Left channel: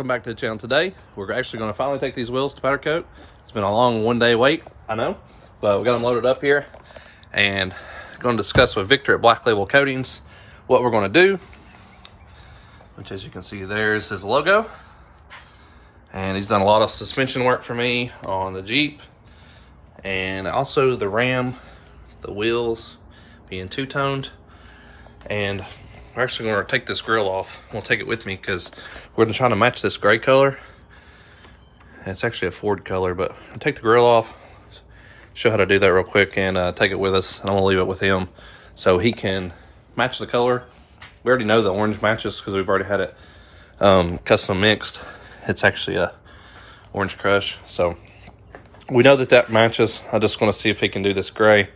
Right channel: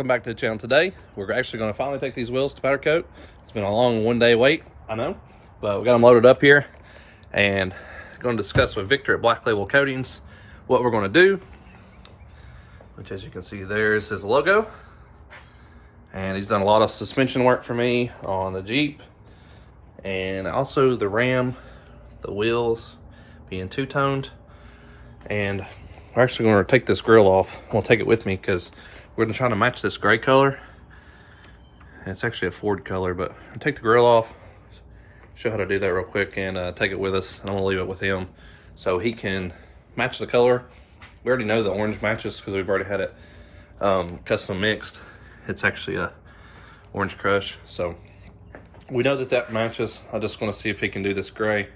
welcome back to the channel. Today we're actually going to finally take these wheels to powder coat. It's been a long one-day wait, I know, but we got them loaded up here and going to discuss with Victor at Black Label Coatings what we're going to do, which, as you can see, there's his logo. And he's done a lot of suspension work for me on the Jeep and also the Ram, the wheels being two-toned. And we're actually going to take this grill off. I'll take it with me because we're going to try to match this gray color. It's actually a Ford color, but I'll take the grill off, show how to do that real quick, and take it with us. And I'm going to leave it with him so he can match the color. We already know the orange matches because we've already had it custom mixed. It's actually a orange crush, so we know that matches. I just want to see if he can do this gray,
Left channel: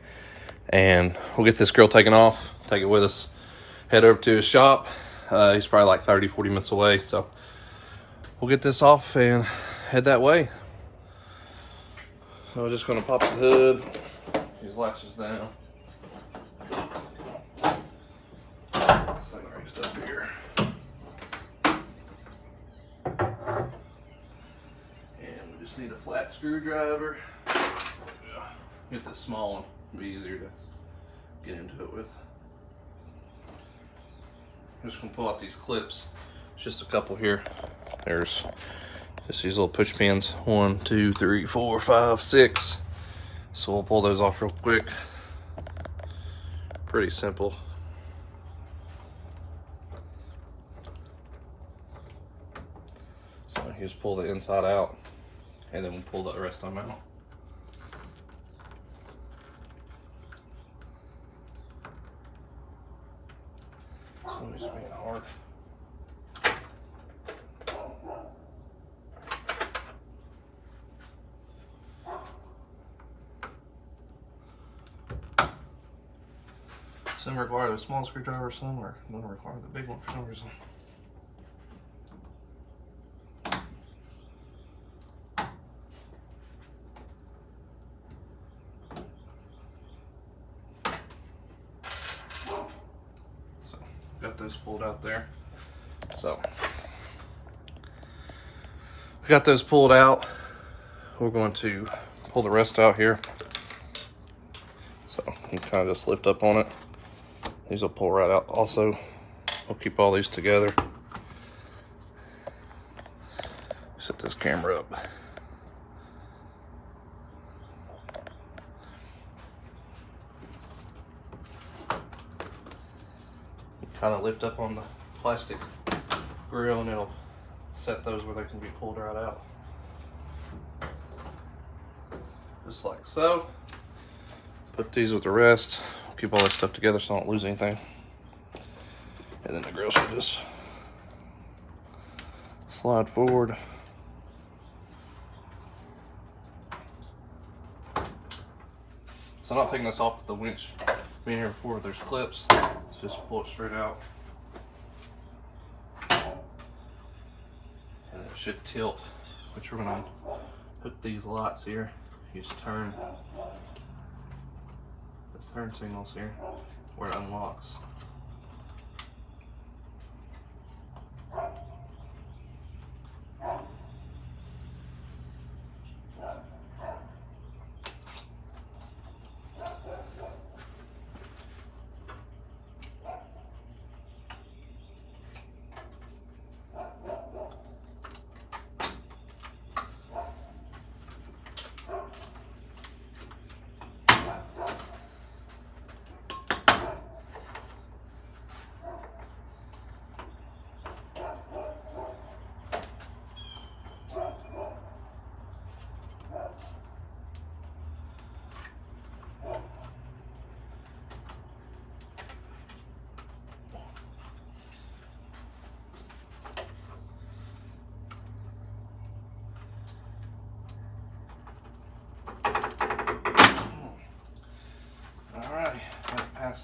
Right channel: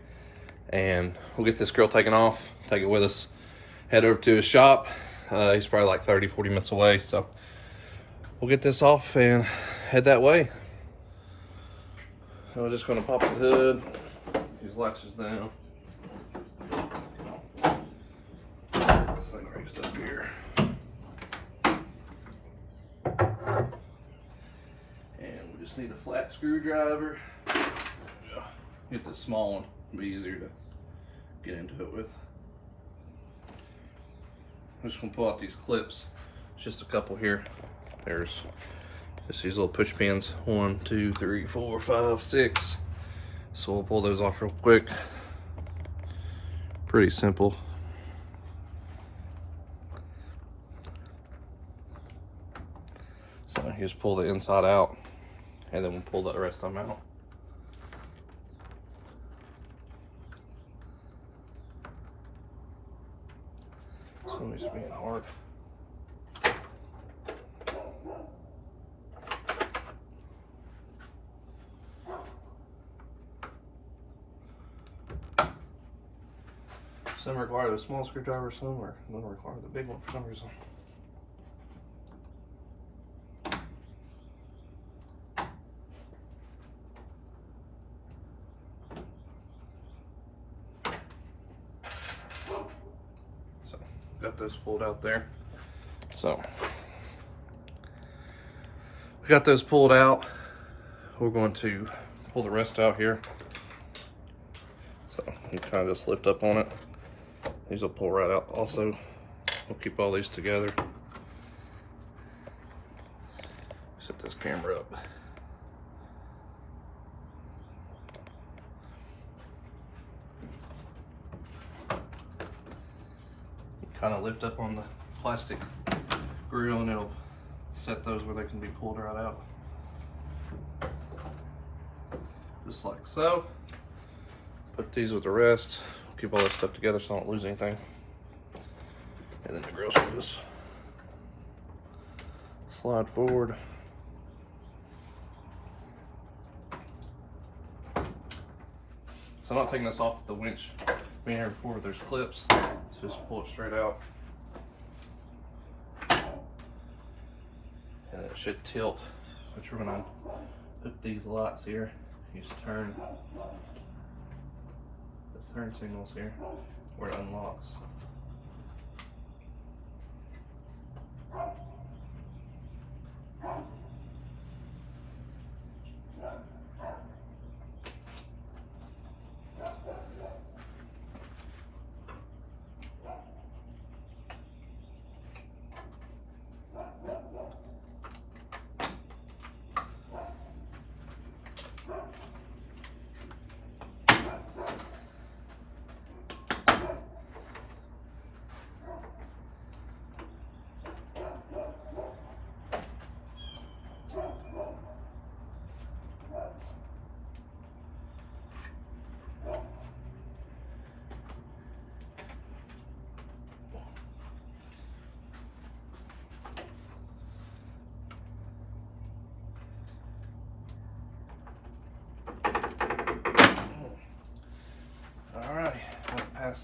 and we'll get this grill taken off, take it with us, head over to his shop. He's probably like 30-40 minutes away, so we'll get this off and head that way. So I'm just going to pop the hood, these latches down. This thing raised up here. And we just need a flat screwdriver. Get this small one, it'll be easier to get into it with. I'm just gonna pull out these clips. It's just a couple here. There's just these little push pins. 1, 2, 3, 4, 5, 6. So we'll pull those off real quick. Pretty simple. So you just pull the inside out, and then we'll pull the rest of them out. Somebody's being hard. Some require the small screwdriver, some don't require the big one for some reason. Got those pulled out there. So we got those pulled out. We're going to pull the rest out here. So you kind of just lift up on it. These will pull right out. Also, we'll keep all these together. Set this camera up. Kind of lift up on the plastic grill and it'll set those where they can be pulled right out. Just like so. Put these with the rest. Keep all this stuff together so I don't lose anything. And then the grills will just slide forward. So I'm not taking this off with the winch being here before. There's clips. Just pull it straight out. And it should tilt, which we're gonna hook these lights here. You just turn the turn signals here where it unlocks.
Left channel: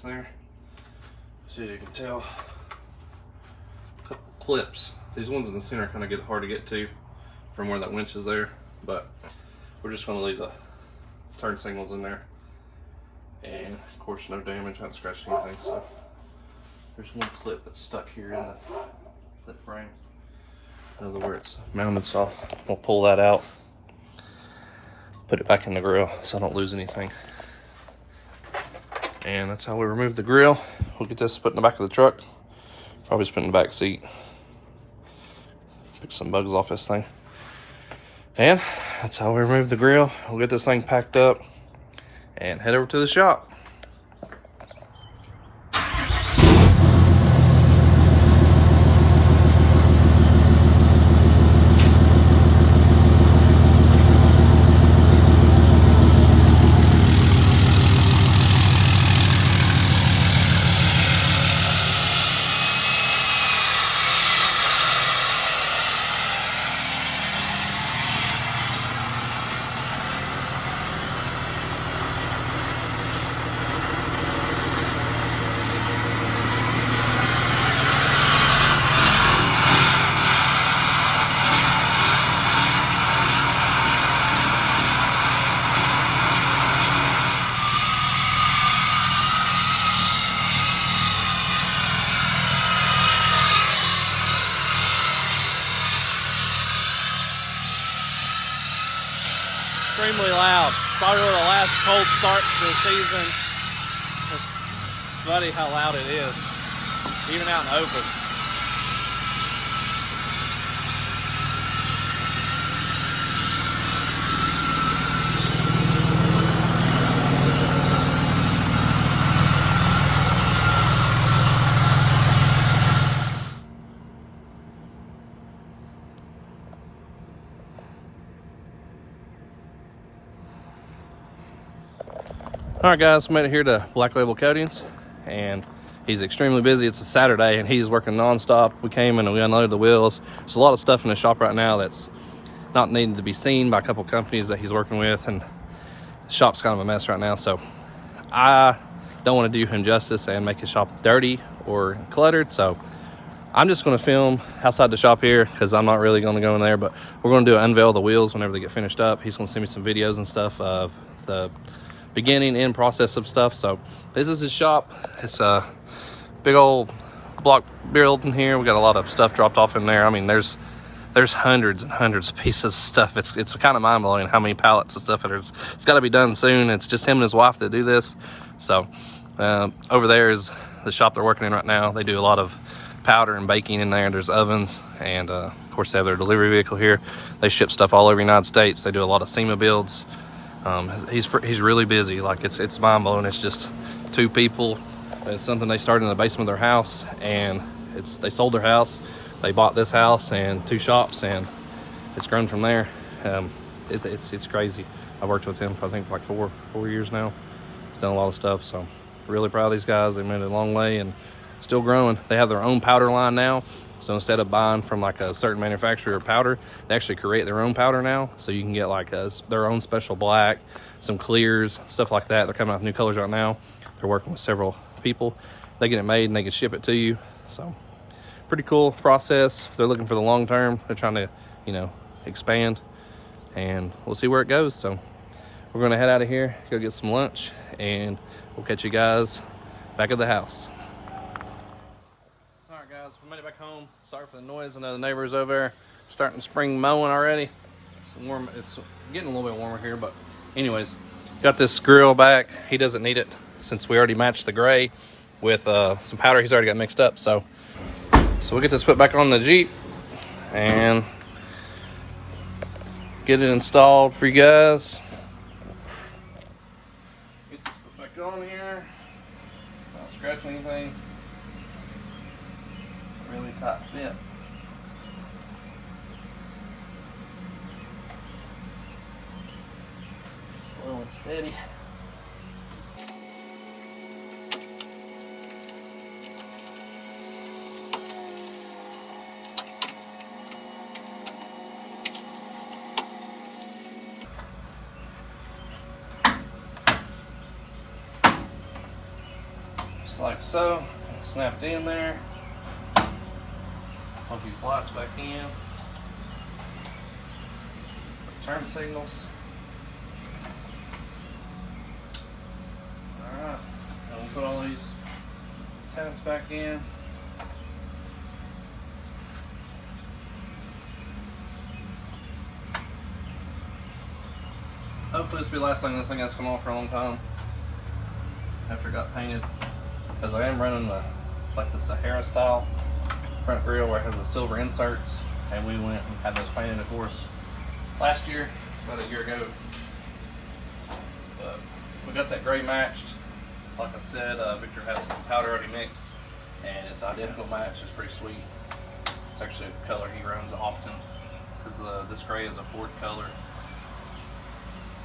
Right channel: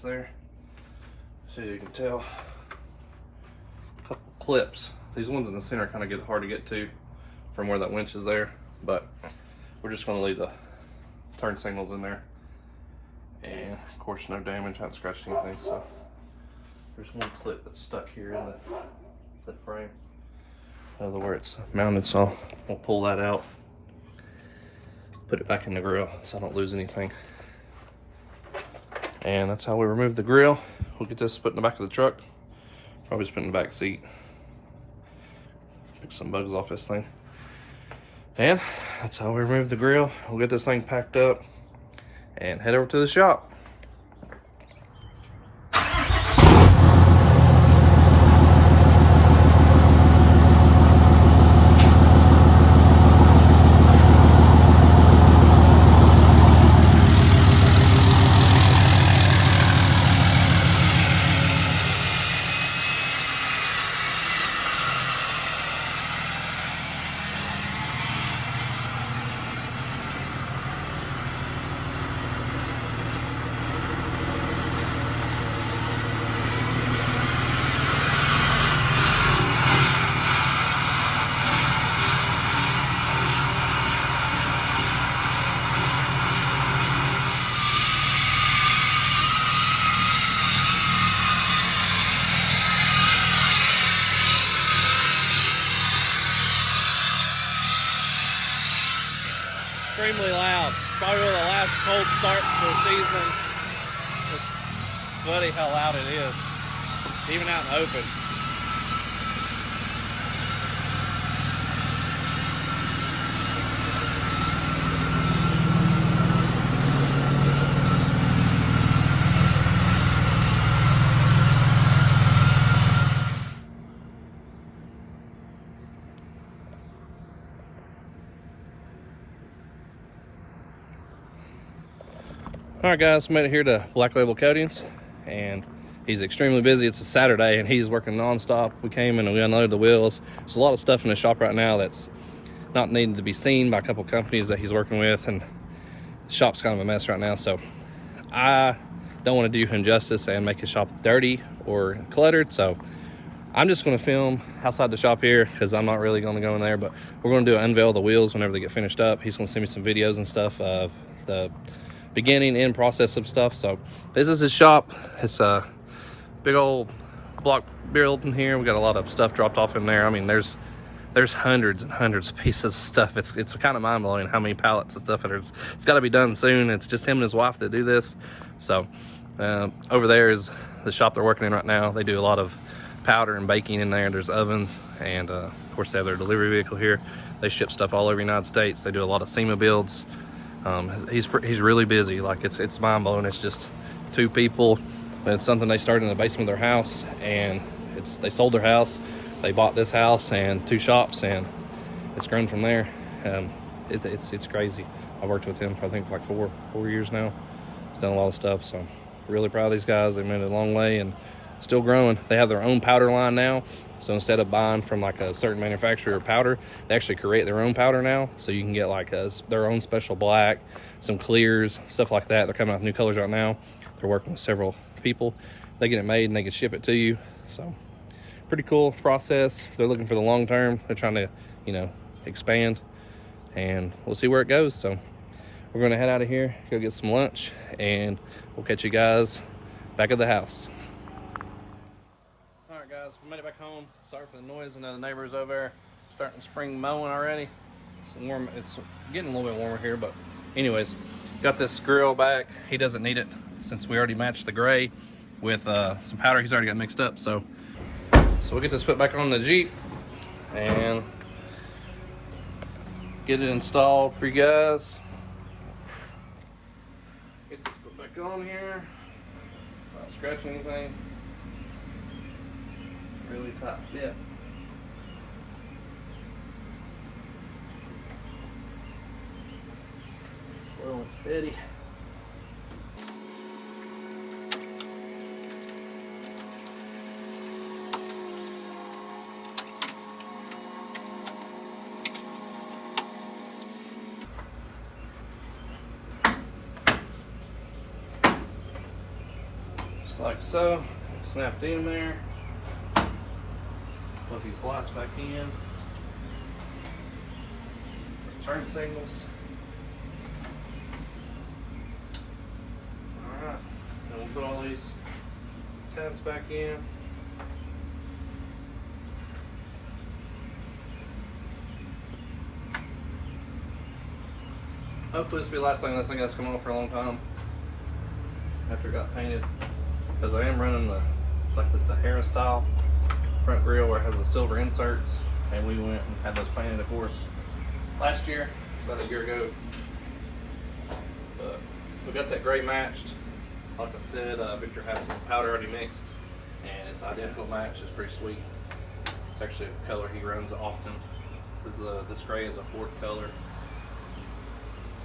There, so as you can tell, a couple clips. These ones in the center kind of get hard to get to from where that winch is there, but we're just going to leave the turn signals in there, and of course no damage, not scratching anything. So there's one clip that's stuck here in the frame. where it's mounted, so I'll pull that out, put it back in the grill so I don't lose anything. And that's how we remove the grill. We'll get this put in the back of the truck. Probably just put in the back seat. Pick some bugs off this thing. And that's how we remove the grill. We'll get this thing packed up and head over to the shop. Extremely loud. Probably one of the last cold starts to the season. It's funny how loud it is, even out in the open. All right, guys, we made it here to Black Label Coatings, and he's extremely busy. It's a Saturday, and he's working nonstop. We came and we unloaded the wheels. There's a lot of stuff in the shop right now that's not needing to be seen by a couple companies that he's working with, and the shop's kind of a mess right now. So I don't want to do him justice and make his shop dirty or cluttered. So I'm just going to film outside the shop here because I'm not really going to go in there, but we're going to do unveil the wheels whenever they get finished up. He's going to send me some videos and stuff of the beginning and process of stuff. So this is his shop. It's a big old block build in here. We got a lot of stuff dropped off in there. I mean, there's hundreds and hundreds of pieces of stuff. It's kind of mind-blowing how many pallets of stuff it's got to be done soon. It's just him and his wife that do this. So over there is the shop they're working in right now. They do a lot of powder and baking in there. There's ovens, and of course they have their delivery vehicle here. They ship stuff all over the United States. They do a lot of SEMA builds. He's really busy. Like it's mind-blowing. It's just two people, and it's something they started in the basement of their house, and they sold their house, they bought this house and two shops, and it's grown from there. It's crazy. I worked with him for I think like four years now. He's done a lot of stuff, so really proud of these guys. They made it a long way and still growing. They have their own powder line now. So instead of buying from like a certain manufacturer of powder, they actually create their own powder now. So you can get like their own special black, some clears, stuff like that. They're coming out with new colors right now. They're working with several people. They get it made and they can ship it to you. So pretty cool process. They're looking for the long term. They're trying to, expand, and we'll see where it goes. So we're gonna head out of here, go get some lunch, and we'll catch you guys back at the house. All right, guys, we made it back home. Sorry for the noise. I know the neighbors over there starting spring mowing already. It's getting a little bit warmer here, but anyways, got this grill back. He doesn't need it since we already matched the gray with some powder he's already got mixed up. So we'll get this put back on the Jeep and get it installed for you guys. Get this put back on here. Not scratching anything. Really tight fit. Slow and steady. Just like so. Snapped in there. Plug these lights back in. Turn signals. Alright, then we'll put all these tabs back in. hopefully this will be the last thing this thing has to come on for a long time after it got painted, because I am running it's like the Sahara style front grille where it has the silver inserts, and we went and had those painted, of course, last year, about a year ago. But we got that gray matched. Like I said, Victor has some powder already mixed, and it's identical match. It's pretty sweet. It's actually a color he runs often, because this gray is a Ford color.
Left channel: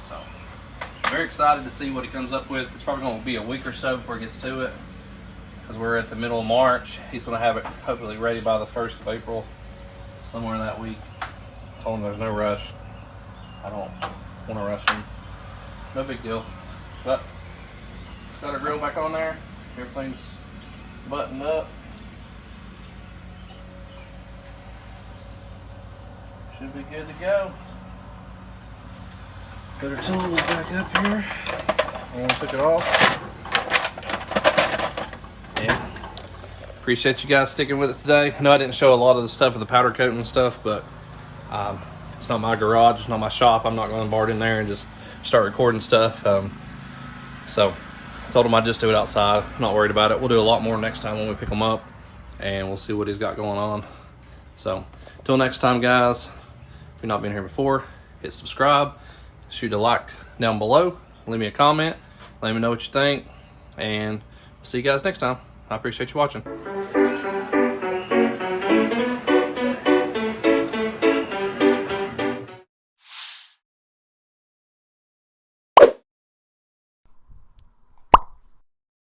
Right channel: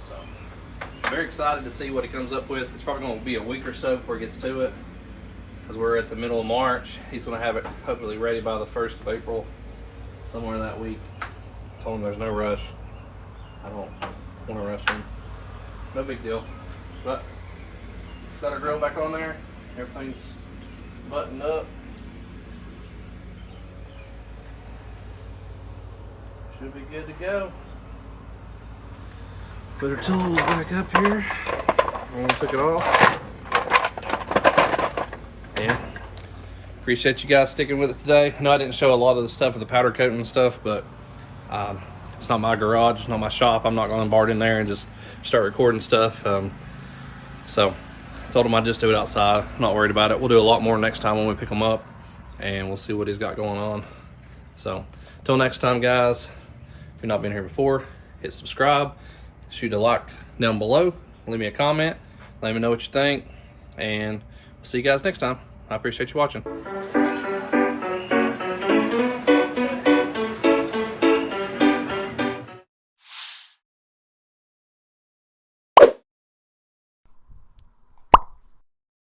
So, very excited to see what he comes up with. It's probably going to be a week or so before he gets to it, because we're at the middle of March. He's going to have it hopefully ready by the 1st of April, somewhere that week. Told him there's no rush. I don't want to rush him. No big deal. But it's got our grill back on there. Everything's buttoned up. Should be good to go. Put our tools back up here. I'm gonna pick it off. Yeah. Appreciate you guys sticking with it today. I know I didn't show a lot of the stuff of the powder coating and stuff, but it's not my garage, it's not my shop. I'm not gonna embark in there and just start recording stuff. So I told him I'd just do it outside. I'm not worried about it. We'll do a lot more next time when we pick him up, and we'll see what he's got going on. So until next time, guys, if you've not been here before, hit subscribe, shoot a like down below, leave me a comment, let me know what you think, and we'll see you guys next time. I appreciate you watching.